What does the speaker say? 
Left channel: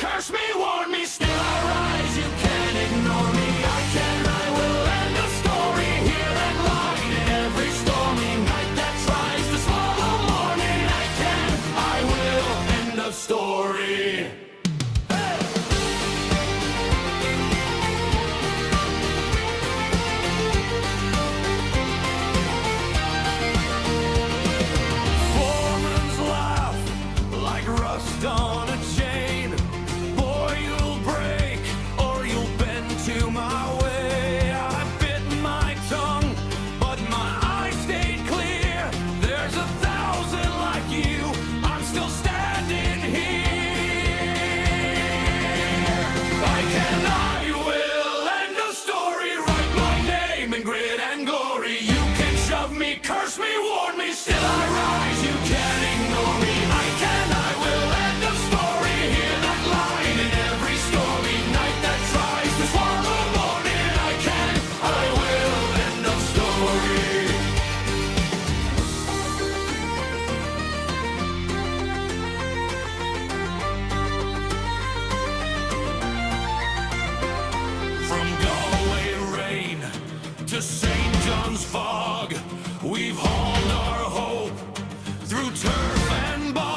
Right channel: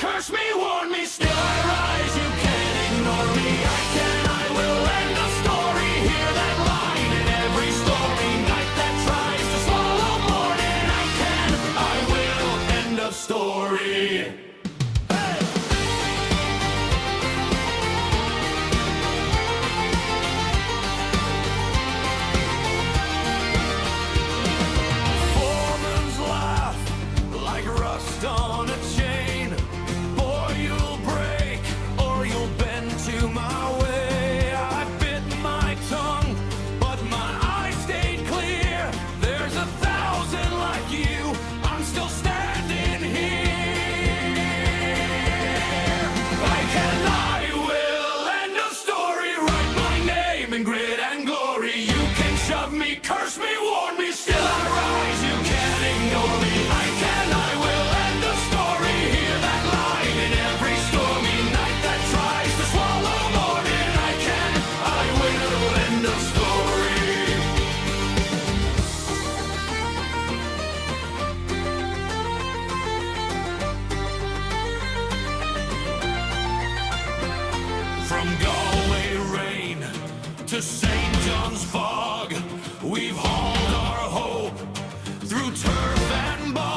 curse me, warn me, still I rise. You can't ignore me. I will end of story. Hear that line in every stormy night that tries to swallow morning. I will end of story. Like rust on a chain, boy, you'll break or you'll bend to my way. I bit my tongue, but my eyes stayed clear. There's 1,000 like you, I'm still standing here. I will end a story, write my name in grit and glory. You can shove me, curse me, warn me, still I rise. You can't ignore me. I will end a story. Hear that line in every stormy night that tries to swallow morning. I will end a story. From Galway rain to St. John's fog, we've hauled our hope through turf and bog.